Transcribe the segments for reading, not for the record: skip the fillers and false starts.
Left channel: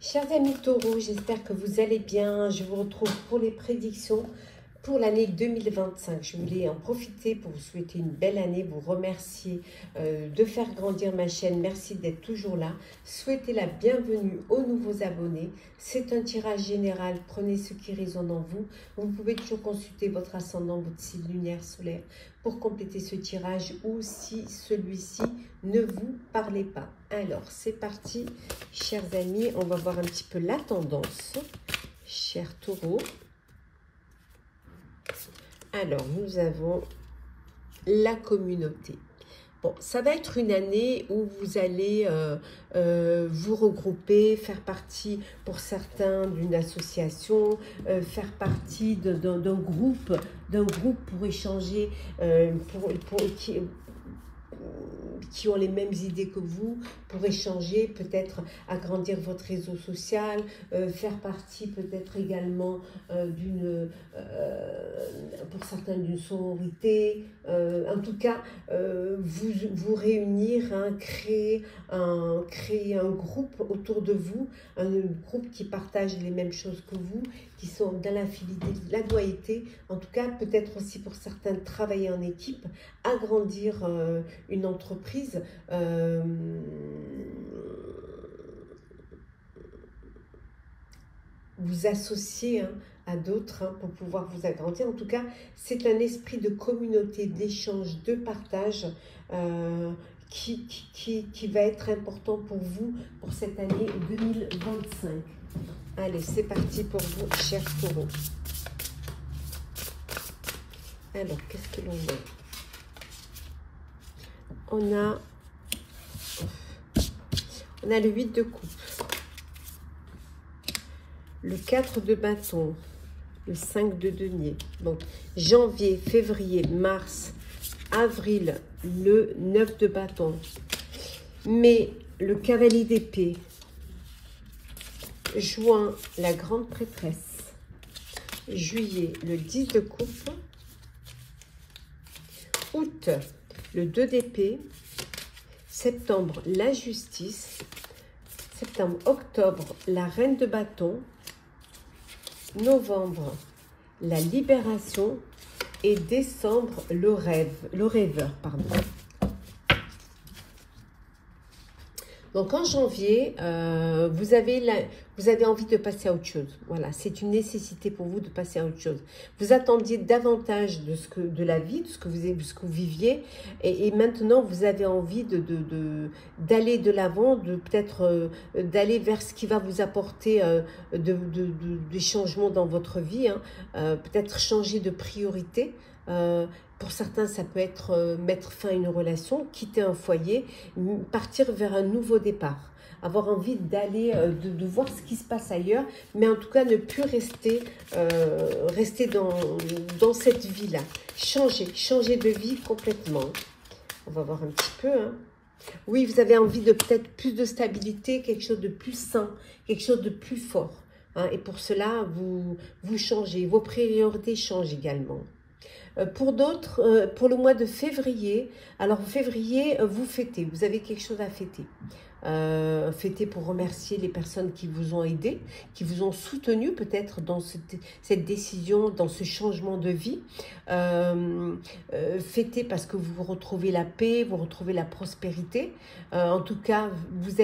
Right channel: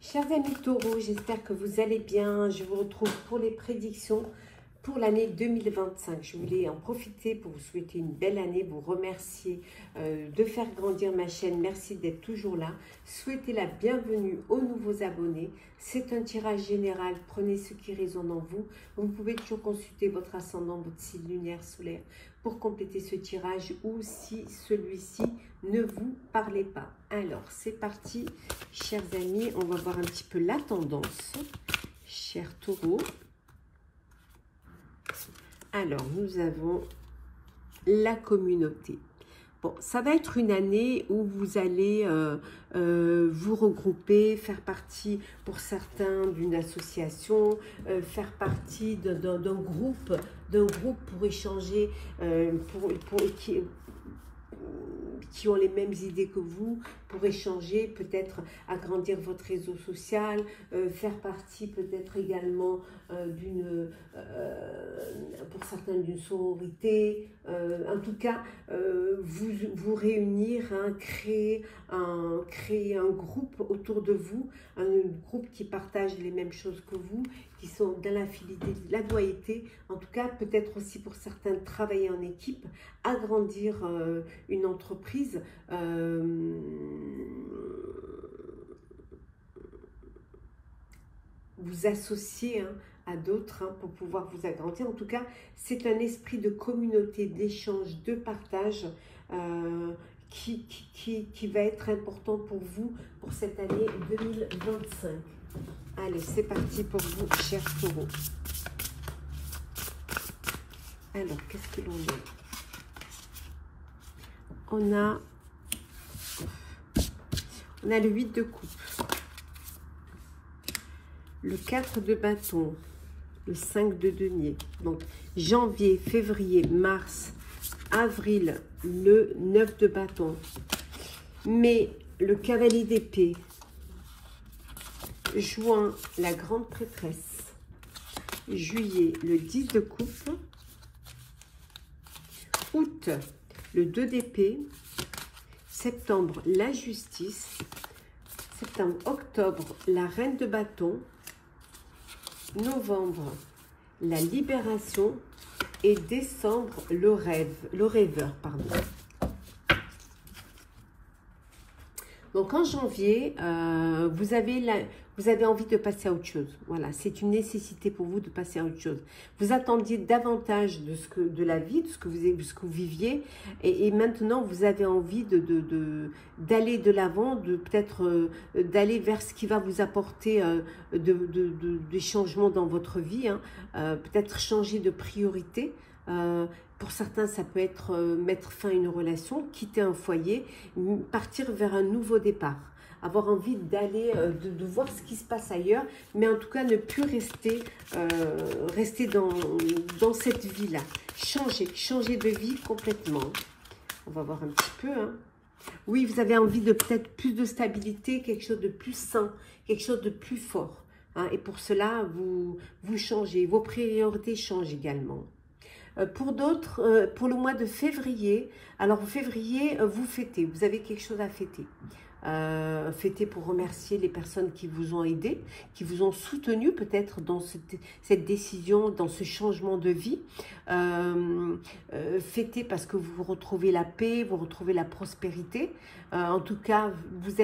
Chers amis taureaux, j'espère que vous allez bien. Je vous retrouve pour les prédictions pour l'année 2025. Je voulais en profiter pour vous souhaiter une belle année, vous remercier de faire grandir ma chaîne. Merci d'être toujours là. Souhaitez la bienvenue aux nouveaux abonnés. C'est un tirage général. Prenez ce qui résonne en vous. Vous pouvez toujours consulter votre ascendant, votre signe lunaire, solaire pour compléter ce tirage ou si celui-ci ne vous parlait pas. Alors, c'est parti, chers amis. On va voir un petit peu la tendance, chers taureaux. Alors, nous avons la communauté. Bon, ça va être une année où vous allez vous regrouper, faire partie pour certains d'une association, faire partie d'un groupe pour échanger, qui ont les mêmes idées que vous, pour échanger, peut-être agrandir votre réseau social, faire partie peut-être également pour certains d'une sororité, en tout cas vous réunir, hein, créer un groupe autour de vous, un groupe qui partage les mêmes choses que vous, qui sont dans la fidélité, la loyauté, en tout cas peut-être aussi pour certains travailler en équipe, agrandir une entreprise, vous associer, hein, à d'autres, hein, pour pouvoir vous agrandir. En tout cas, c'est un esprit de communauté, d'échange, de partage qui va être important pour vous pour cette année 2025. Allez, c'est parti pour vous, chers taureaux. Alors, qu'est-ce que l'on a? On a le 8 de coupe, le 4 de bâton, le 5 de denier. Donc, janvier, février, mars, avril, le 9 de bâton. Mai, le cavalier d'épée. Juin, la grande prêtresse. Juillet, le 10 de coupe. Août, le 2 d'épée. Septembre, la justice. Septembre, octobre, la reine de bâton. Novembre, la libération. Et décembre, le rêveur, pardon. Donc en janvier, vous avez envie de passer à autre chose. Voilà, c'est une nécessité pour vous de passer à autre chose. Vous attendiez davantage de la vie, de ce que vous viviez, et maintenant vous avez envie d'aller de l'avant, peut-être d'aller vers ce qui va vous apporter des changements dans votre vie, hein. Peut-être changer de priorité. Pour certains, ça peut être mettre fin à une relation, quitter un foyer, partir vers un nouveau départ. Avoir envie d'aller, de voir ce qui se passe ailleurs, mais en tout cas ne plus rester dans cette vie-là. Changer de vie complètement. On va voir un petit peu, hein. Oui, vous avez envie de peut-être plus de stabilité, quelque chose de plus sain, quelque chose de plus fort, hein. Et pour cela, vous changez, vos priorités changent également. Pour d'autres, pour le mois de février, alors février, vous fêtez, vous avez quelque chose à fêter. Fêter pour remercier les personnes qui vous ont aidé, qui vous ont soutenu peut-être dans cette décision, dans ce changement de vie. Fêter parce que vous retrouvez la paix, vous retrouvez la prospérité. En tout cas, vous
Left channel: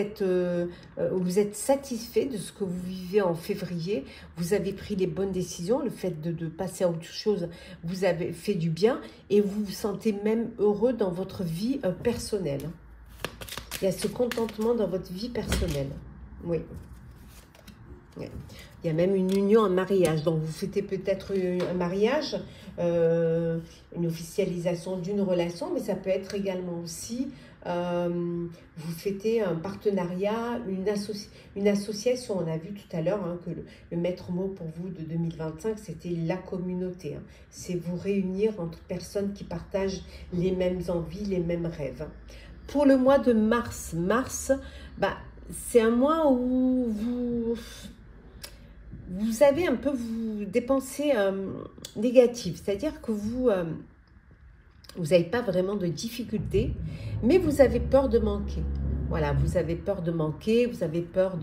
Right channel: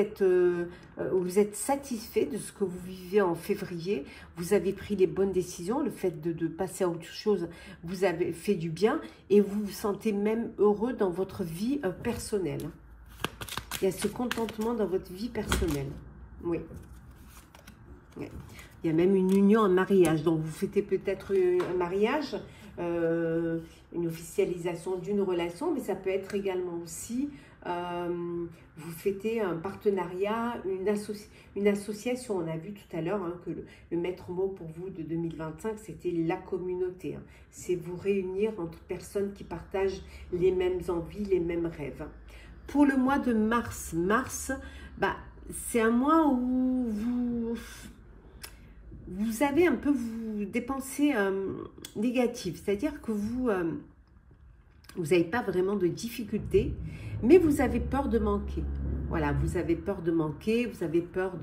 êtes satisfait de ce que vous vivez en février. Vous avez pris les bonnes décisions. Le fait de passer à autre chose vous avez fait du bien et vous vous sentez même heureux dans votre vie personnelle. Il y a ce contentement dans votre vie personnelle. Oui. Il y a même une union, un mariage. Donc, vous fêtez peut-être un mariage, une officialisation d'une relation, mais ça peut être également aussi, vous fêtez un partenariat, une association. On a vu tout à l'heure, hein, que le maître mot pour vous de 2025, c'était la communauté, hein. C'est vous réunir entre personnes qui partagent les mêmes envies, les mêmes rêves. Pour le mois de mars, c'est un mois où vous avez un peu des pensées négatives, c'est-à-dire que vous n'avez pas vraiment de difficultés, mais vous avez peur de manquer. Voilà, vous avez peur de manquer, vous avez peur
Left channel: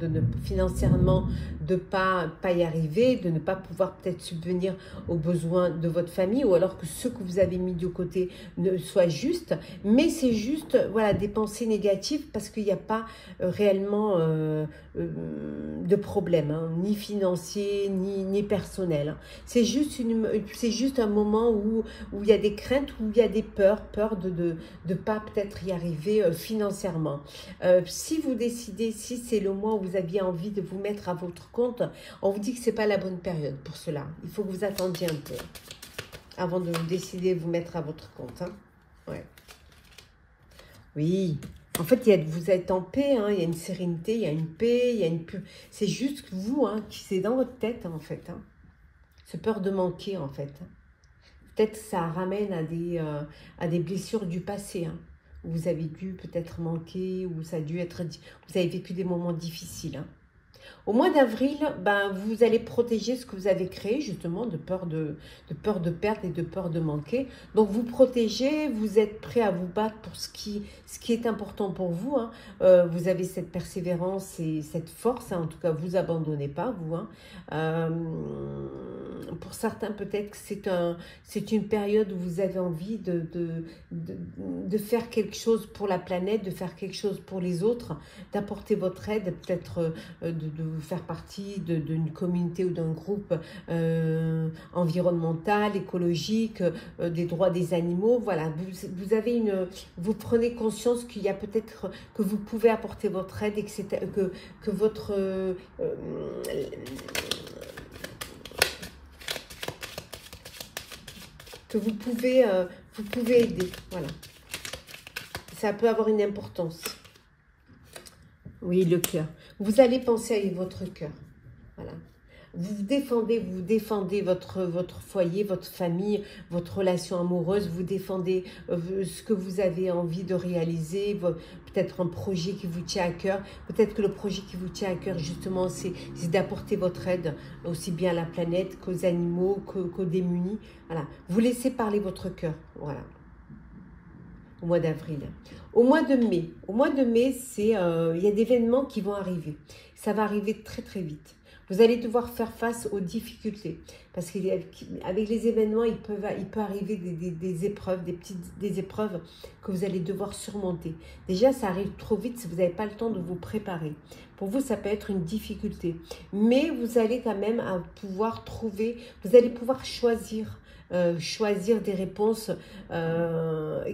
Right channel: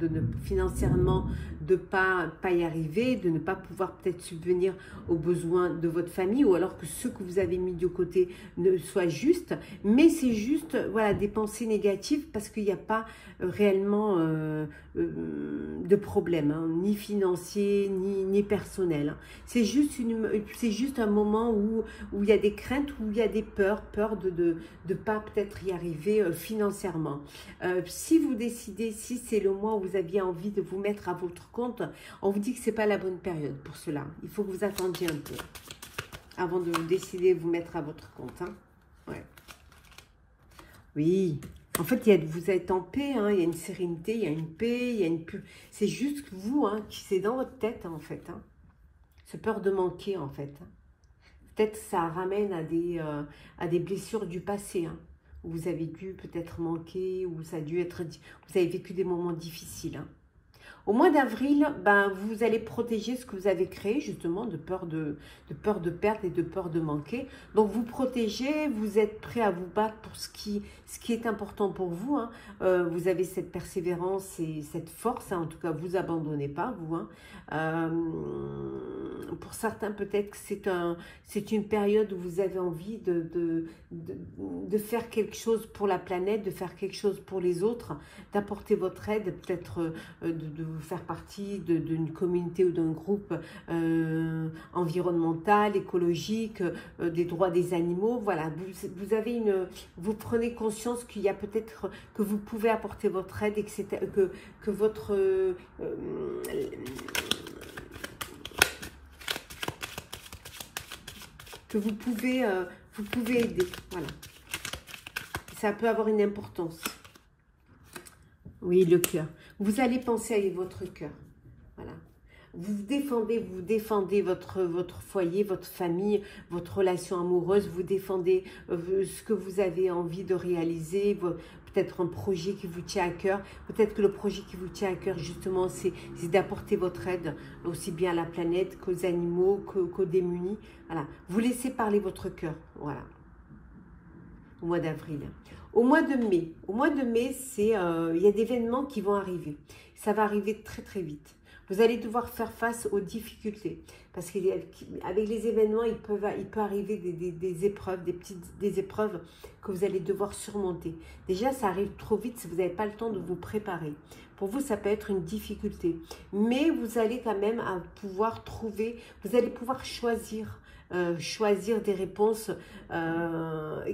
financièrement de pas y arriver, de ne pas pouvoir peut-être subvenir aux besoins de votre famille, ou alors que ce que vous avez mis de côté ne soit juste. Mais c'est juste, voilà, des pensées négatives parce qu'il n'y a pas réellement de problème, hein, ni financier, ni personnel. Hein. C'est juste un moment où il y a des craintes, où il y a des peurs de ne pas peut-être y arriver financièrement. Si vous décidez, si c'est le mois où vous aviez envie de vous mettre à votre compte, on vous dit que ce n'est pas la bonne période pour cela. Il faut que vous attendiez un peu avant de vous décider de vous mettre à votre compte. Hein. Ouais. Oui, en fait, vous êtes en paix, hein, il y a une sérénité, il y a une paix, il y a une... C'est juste que vous, hein, c'est dans votre tête, en fait. Hein. Ce peur de manquer, en fait. Peut-être que ça ramène à des blessures du passé, hein, où vous avez dû peut-être manquer, où ça a dû être... Vous avez vécu des moments difficiles, hein. Au mois d'avril, ben, vous allez protéger ce que vous avez créé, justement, de peur de perdre et de peur de manquer. Donc, vous protégez, vous êtes prêt à vous battre pour ce qui est important pour vous. Hein. Vous avez cette persévérance et cette force. Hein. En tout cas, vous abandonnez pas, vous. Hein. Pour certains, peut-être que c'est une période où vous avez envie de faire quelque chose pour la planète, de faire quelque chose pour les autres, d'apporter votre aide, peut-être de vous faire partie d'une communauté ou d'un groupe environnemental, écologique, des droits des animaux. Voilà, vous prenez conscience qu'il y a peut-être que vous pouvez apporter votre aide et que votre que vous pouvez aider. Voilà, ça peut avoir une importance. Oui, le cœur. Vous allez penser avec votre cœur. Voilà. Vous défendez votre foyer, votre famille, votre relation amoureuse. Vous défendez ce que vous avez envie de réaliser. Peut-être un projet qui vous tient à cœur. Peut-être que le projet qui vous tient à cœur, justement, c'est d'apporter votre aide aussi bien à la planète qu'aux animaux, qu'aux démunis. Voilà. Vous laissez parler votre cœur. Voilà. Au mois d'avril. Au mois de mai, il y a des événements qui vont arriver. Ça va arriver très très vite. Vous allez devoir faire face aux difficultés. Parce qu'avec les événements, il peut arriver des épreuves, des épreuves que vous allez devoir surmonter. Déjà, ça arrive trop vite si vous n'avez pas le temps de vous préparer. Pour vous, ça peut être une difficulté. Mais vous allez quand même pouvoir vous allez pouvoir choisir des réponses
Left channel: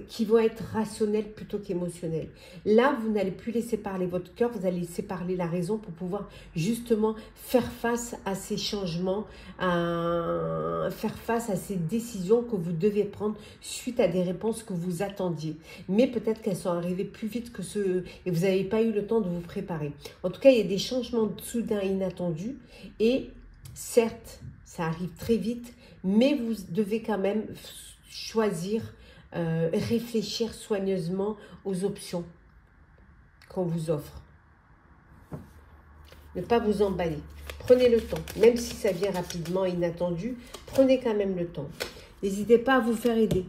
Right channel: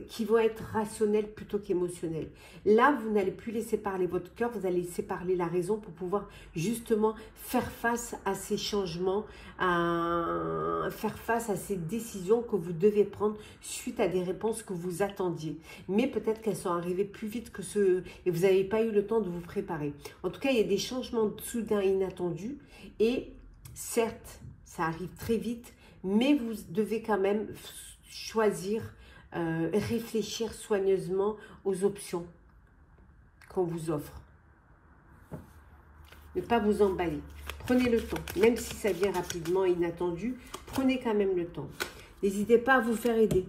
qui vont être rationnelles plutôt qu'émotionnelles. Là, vous n'allez plus laisser parler votre cœur, vous allez laisser parler la raison pour pouvoir justement faire face à ces changements, faire face à ces décisions que vous devez prendre suite à des réponses que vous attendiez. Mais peut-être qu'elles sont arrivées plus vite que et vous n'avez pas eu le temps de vous préparer. En tout cas, il y a des changements soudains et inattendus et certes, ça arrive très vite, mais vous devez quand même choisir, réfléchir soigneusement aux options qu'on vous offre. Ne pas vous emballer. Prenez le temps, même si ça vient rapidement, inattendu, prenez quand même le temps. N'hésitez pas à vous faire aider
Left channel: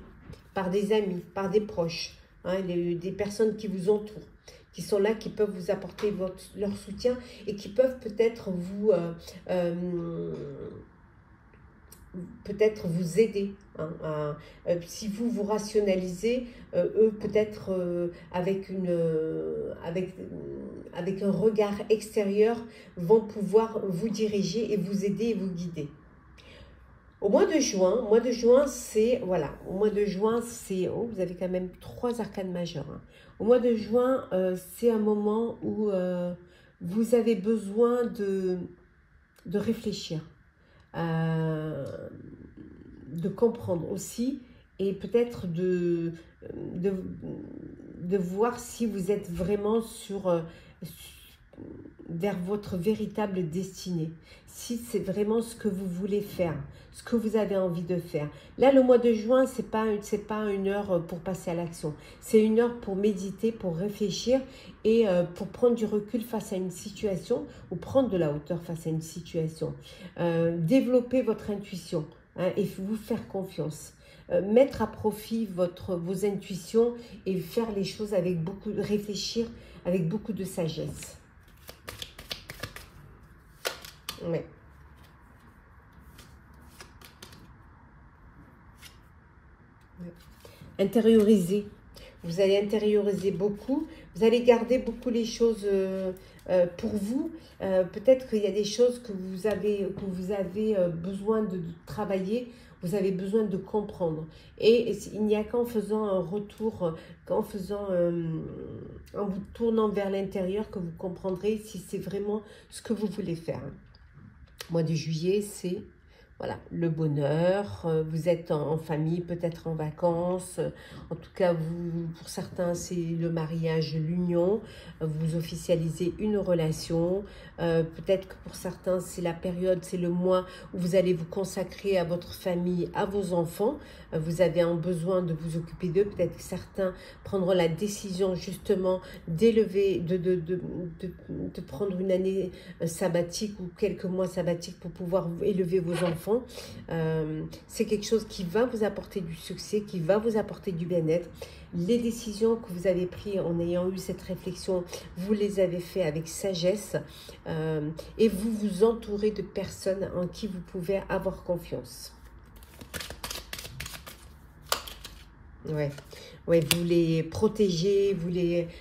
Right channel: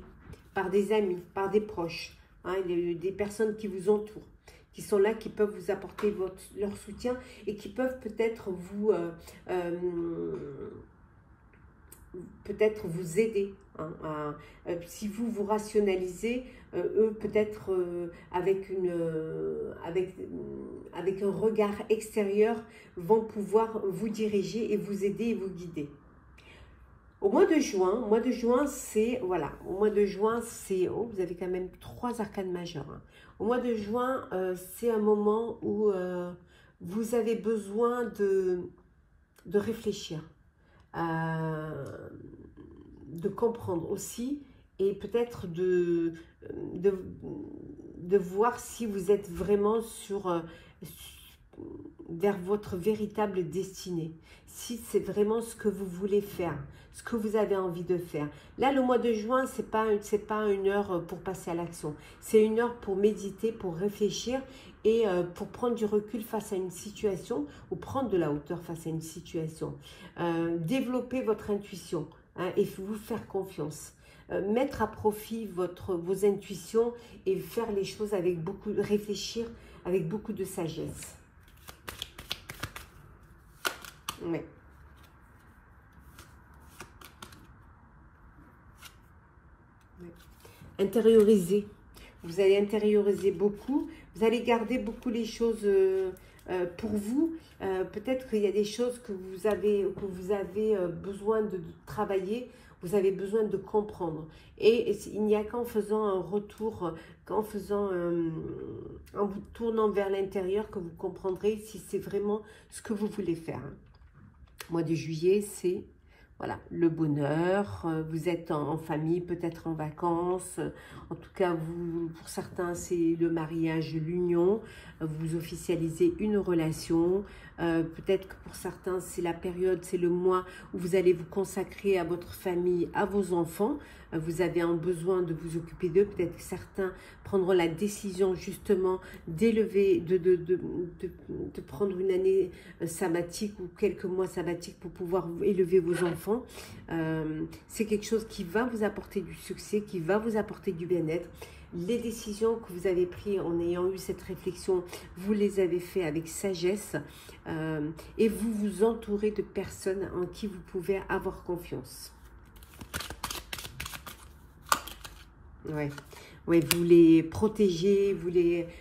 par des amis, par des proches, hein, des personnes qui vous entourent, qui sont là, qui peuvent vous apporter leur soutien et qui peuvent peut-être vous aider. Hein, si vous rationalisez, eux peut-être avec un regard extérieur vont pouvoir vous diriger et vous aider et vous guider. Au mois de juin, c'est, voilà, au mois de juin, c'est, oh, vous avez quand même 3 arcanes majeures. Hein. Au mois de juin, c'est un moment où vous avez besoin de réfléchir, de comprendre aussi et peut-être de voir si vous êtes vraiment vers votre véritable destinée, si c'est vraiment ce que vous voulez faire, ce que vous avez envie de faire. Là, le mois de juin, c'est pas une heure pour passer à l'action, c'est une heure pour méditer, pour réfléchir et pour prendre du recul face à une situation ou prendre de la hauteur face à une situation. Développer votre intuition, hein, et vous faire confiance. mettre à profit vos intuitions et faire les choses avec beaucoup, réfléchir avec beaucoup de sagesse. Ouais. Ouais. Intérioriser. Vous allez intérioriser beaucoup. Vous allez garder beaucoup les choses pour vous. Peut-être qu'il y a des choses que vous avez besoin de travailler. Vous avez besoin de comprendre. Et il n'y a qu'en faisant un retour, en vous tournant vers l'intérieur que vous comprendrez si c'est vraiment ce que vous voulez faire. Mois de juillet, c'est voilà, le bonheur. Vous êtes en famille, peut-être en vacances. En tout cas, pour certains, c'est le mariage, l'union. Vous officialisez une relation. Peut-être que pour certains, c'est la période, c'est le mois où vous allez vous consacrer à votre famille, à vos enfants. Vous avez un besoin de vous occuper d'eux. Peut-être que certains prendront la décision justement d'élever, de prendre une année sabbatique ou quelques mois sabbatiques pour pouvoir élever vos enfants. C'est quelque chose qui va vous apporter du succès, qui va vous apporter du bien-être. Les décisions que vous avez prises en ayant eu cette réflexion, vous les avez fait avec sagesse et vous vous entourez de personnes en qui vous pouvez avoir confiance. Ouais. Ouais, vous les protégez,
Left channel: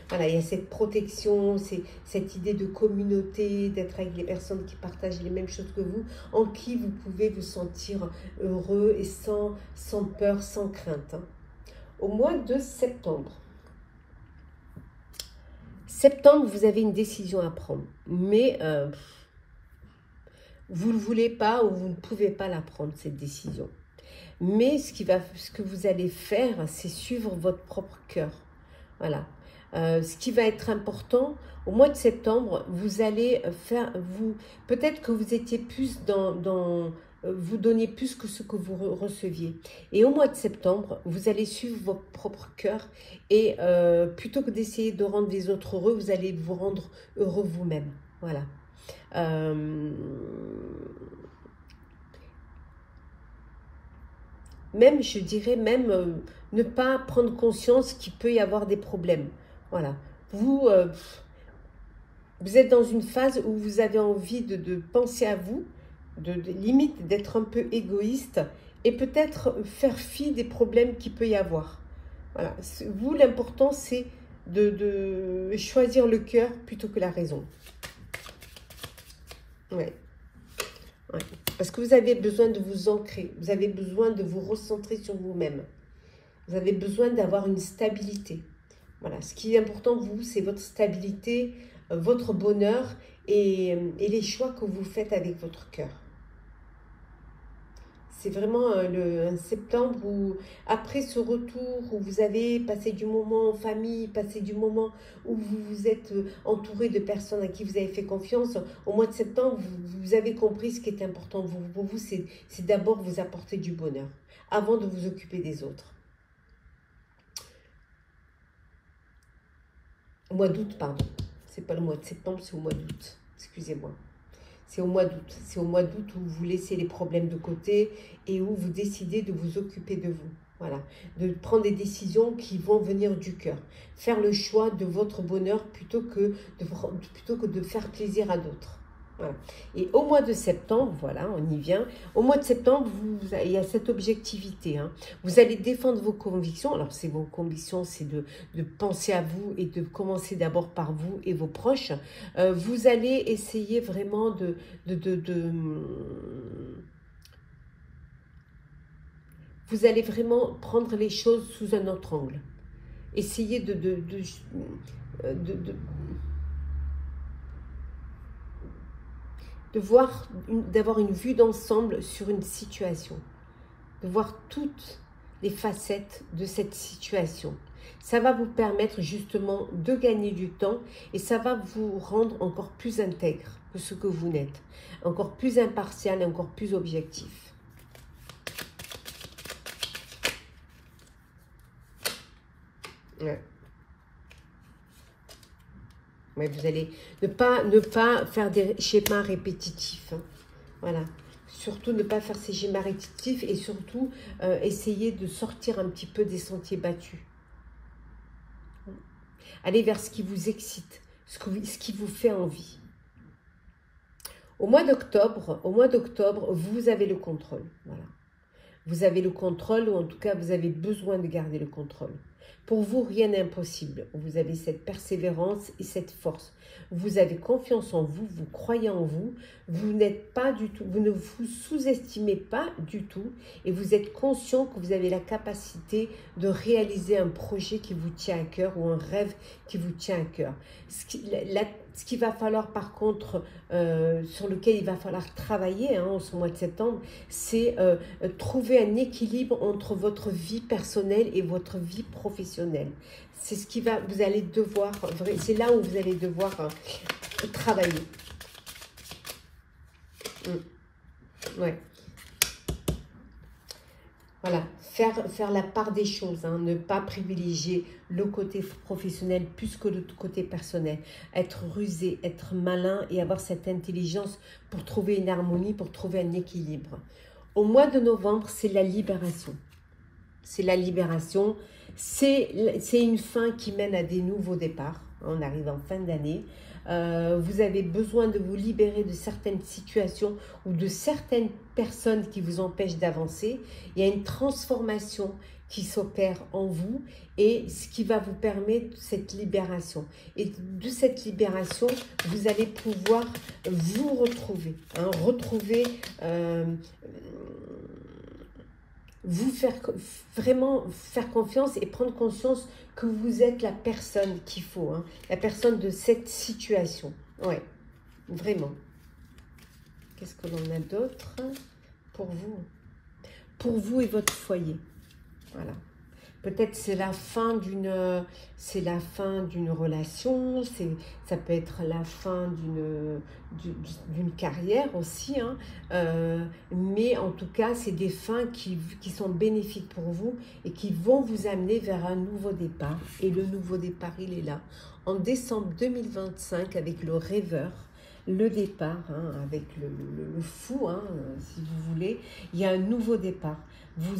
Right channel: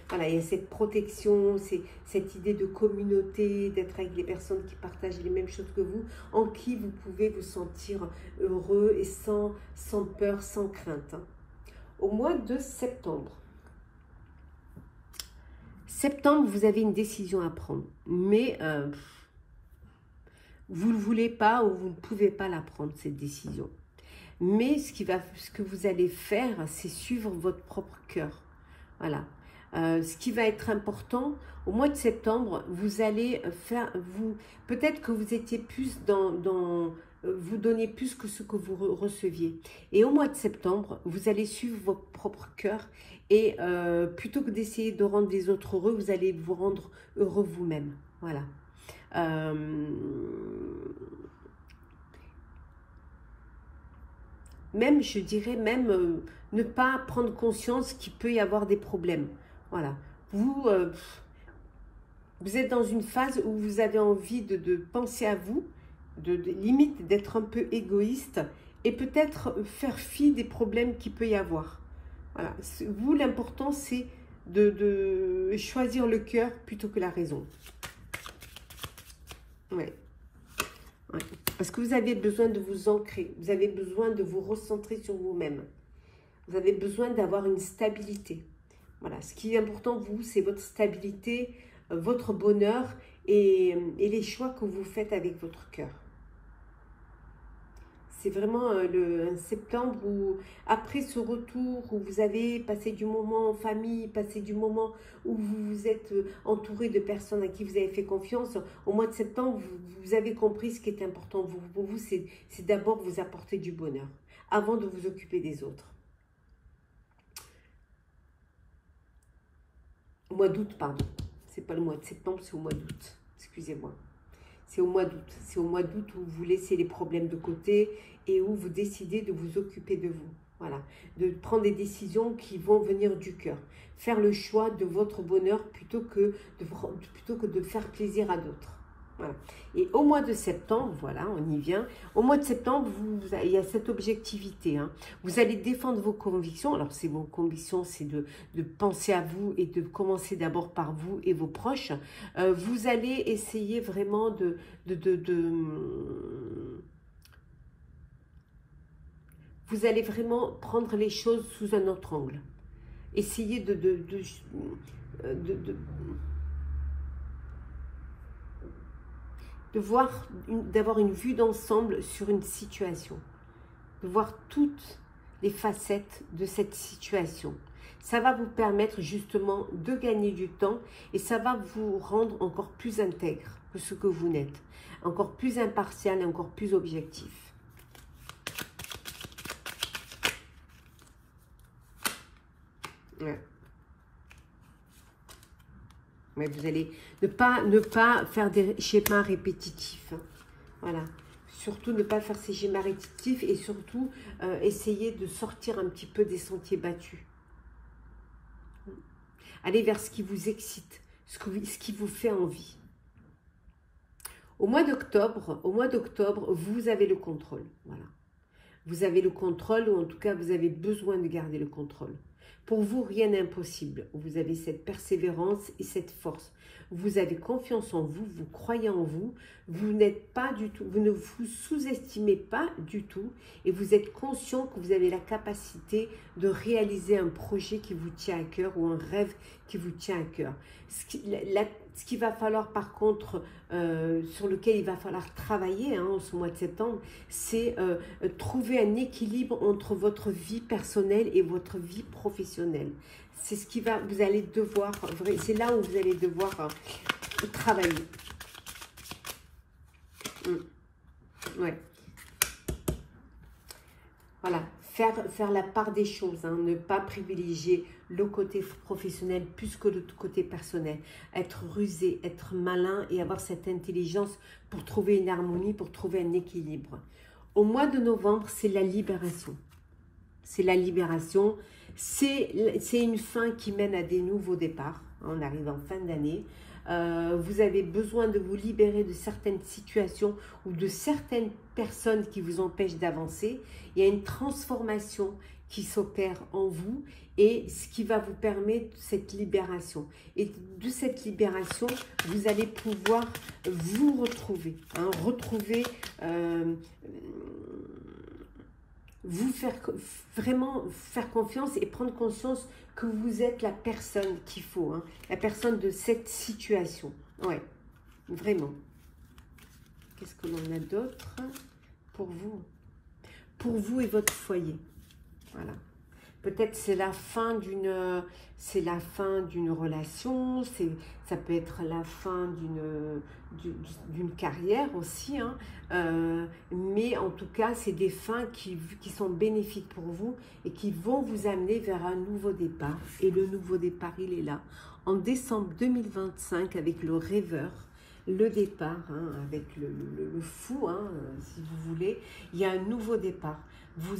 voilà, il y a cette protection, cette idée de communauté, d'être avec des personnes qui partagent les mêmes choses que vous, en qui vous pouvez vous sentir heureux et sans peur, sans crainte. Au mois de septembre. Septembre, vous avez une décision à prendre, mais vous ne voulez pas ou vous ne pouvez pas la prendre, cette décision. Mais ce que vous allez faire, c'est suivre votre propre cœur. Voilà. Ce qui va être important, au mois de septembre, vous allez faire, peut-être que vous étiez plus vous donniez plus que ce que vous receviez. Et au mois de septembre, vous allez suivre votre propre cœur et plutôt que d'essayer de rendre les autres heureux, vous allez vous rendre heureux vous-même. Voilà. Même, je dirais, ne pas prendre conscience qu'il peut y avoir des problèmes. Voilà. Vous êtes dans une phase où vous avez envie de penser à vous, limite d'être un peu égoïste et peut-être faire fi des problèmes qu'il peut y avoir. Voilà. Vous, l'important, c'est de choisir le cœur plutôt que la raison. Ouais. Ouais. Parce que vous avez besoin de vous ancrer, vous avez besoin de vous recentrer sur vous-même. Vous avez besoin d'avoir une stabilité. Voilà, ce qui est important, vous, c'est votre stabilité, votre bonheur et les choix que vous faites avec votre cœur. C'est vraiment un septembre où, après ce retour, où vous avez passé du moment en famille, passé du moment où vous vous êtes entouré de personnes à qui vous avez fait confiance, au mois de septembre, vous avez compris ce qui est important pour vous, c'est d'abord vous apporter du bonheur, avant de vous occuper des autres. Au mois d'août, pardon. C'est pas le mois de septembre, c'est au mois d'août. Excusez-moi. C'est au mois d'août. C'est au mois d'août où vous laissez les problèmes de côté et où vous décidez de vous occuper de vous. Voilà. De prendre des décisions qui vont venir du cœur. Faire le choix de votre bonheur plutôt que de faire plaisir à d'autres. Voilà. Et au mois de septembre, voilà, on y vient. Au mois de septembre, il y a cette objectivité. Hein. Vous allez défendre vos convictions. Alors, vos convictions, c'est de penser à vous et de commencer d'abord par vous et vos proches. Vous allez essayer vraiment vous allez vraiment prendre les choses sous un autre angle. Essayez d'avoir une vue d'ensemble sur une situation, de voir toutes les facettes de cette situation. Ça va vous permettre justement de gagner du temps et ça va vous rendre encore plus intègre que ce que vous n'êtes, encore plus impartial et encore plus objectif. Ouais. Mais vous allez ne pas faire des schémas répétitifs. Hein. Voilà. Surtout ne pas faire ces schémas répétitifs et surtout essayer de sortir un petit peu des sentiers battus. Allez vers ce qui vous excite, ce qui vous fait envie. Au mois d'octobre, vous avez le contrôle. Voilà. Vous avez le contrôle, ou en tout cas, vous avez besoin de garder le contrôle. Pour vous, rien n'est impossible. Vous avez cette persévérance et cette force. Vous avez confiance en vous, vous croyez en vous, vous n'êtes pas du tout, vous ne vous sous-estimez pas du tout et vous êtes conscient que vous avez la capacité de réaliser un projet qui vous tient à cœur ou un rêve qui vous tient à cœur. Ce qu'il va falloir par contre, sur lequel il va falloir travailler en ce mois de septembre, c'est trouver un équilibre entre votre vie personnelle et votre vie professionnelle. C'est ce qui va, vous allez devoir, c'est là où vous allez devoir travailler. Ouais. Voilà, faire la part des choses, ne pas privilégier le côté professionnel plus que le côté personnel. Être rusé, être malin et avoir cette intelligence pour trouver une harmonie, pour trouver un équilibre. Au mois de novembre, c'est la libération. C'est la libération. C'est une fin qui mène à des nouveaux départs. On arrive en fin d'année. Vous avez besoin de vous libérer de certaines situations ou de certaines personnes qui vous empêchent d'avancer. Il y a une transformation qui s'opère en vous et ce qui va vous permettre cette libération. Et de cette libération, vous allez pouvoir vous retrouver, vous vraiment faire confiance et prendre conscience que vous êtes la personne qu'il faut, la personne de cette situation. Ouais, vraiment. Qu'est-ce que l'on a d'autre pour vous? Pour vous et votre foyer. Voilà. Peut-être c'est la fin d'une relation, ça peut être la fin d'une carrière aussi, mais en tout cas c'est des fins qui sont bénéfiques pour vous et qui vont vous amener vers un nouveau départ. Et le nouveau départ, il est là en décembre 2025 avec le rêveur. Le départ, avec le fou, si vous voulez, il y a un nouveau départ. Vous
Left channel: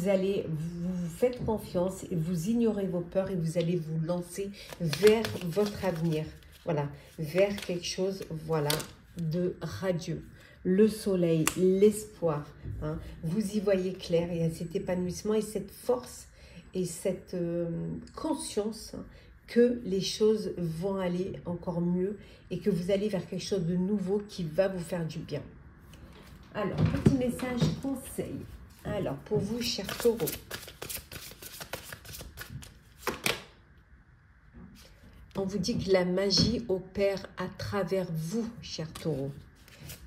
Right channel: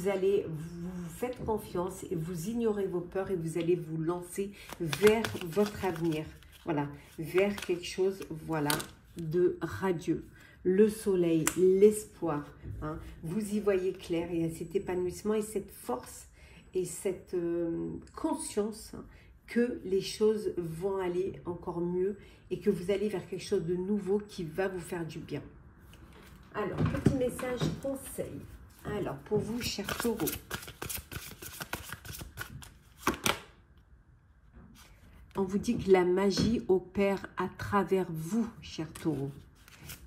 faites confiance et vous ignorez vos peurs et vous allez vous lancer vers votre avenir. Voilà, vers quelque chose, voilà, de radieux. Le soleil, l'espoir, vous y voyez clair. Il y a cet épanouissement et cette force et cette conscience que les choses vont aller encore mieux et que vous allez vers quelque chose de nouveau qui va vous faire du bien. Alors, petit message conseil. Alors, pour vous, chers taureaux, on vous dit que la magie opère à travers vous, chers taureaux.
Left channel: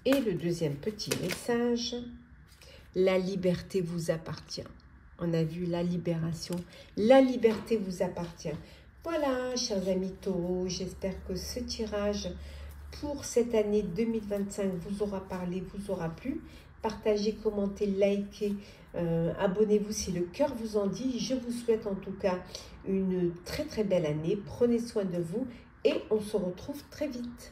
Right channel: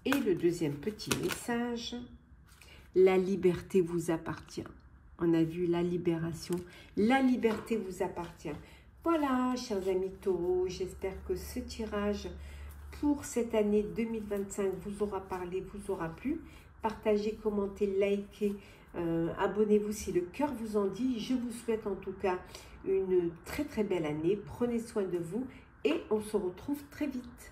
Et le deuxième petit message, la liberté vous appartient. On a vu la libération. La liberté vous appartient. Voilà, chers amis taureaux, j'espère que ce tirage pour cette année 2025 vous aura parlé, vous aura plu. Partagez, commentez, likez, abonnez-vous si le cœur vous en dit. Je vous souhaite en tout cas une très très belle année. Prenez soin de vous et on se retrouve très vite.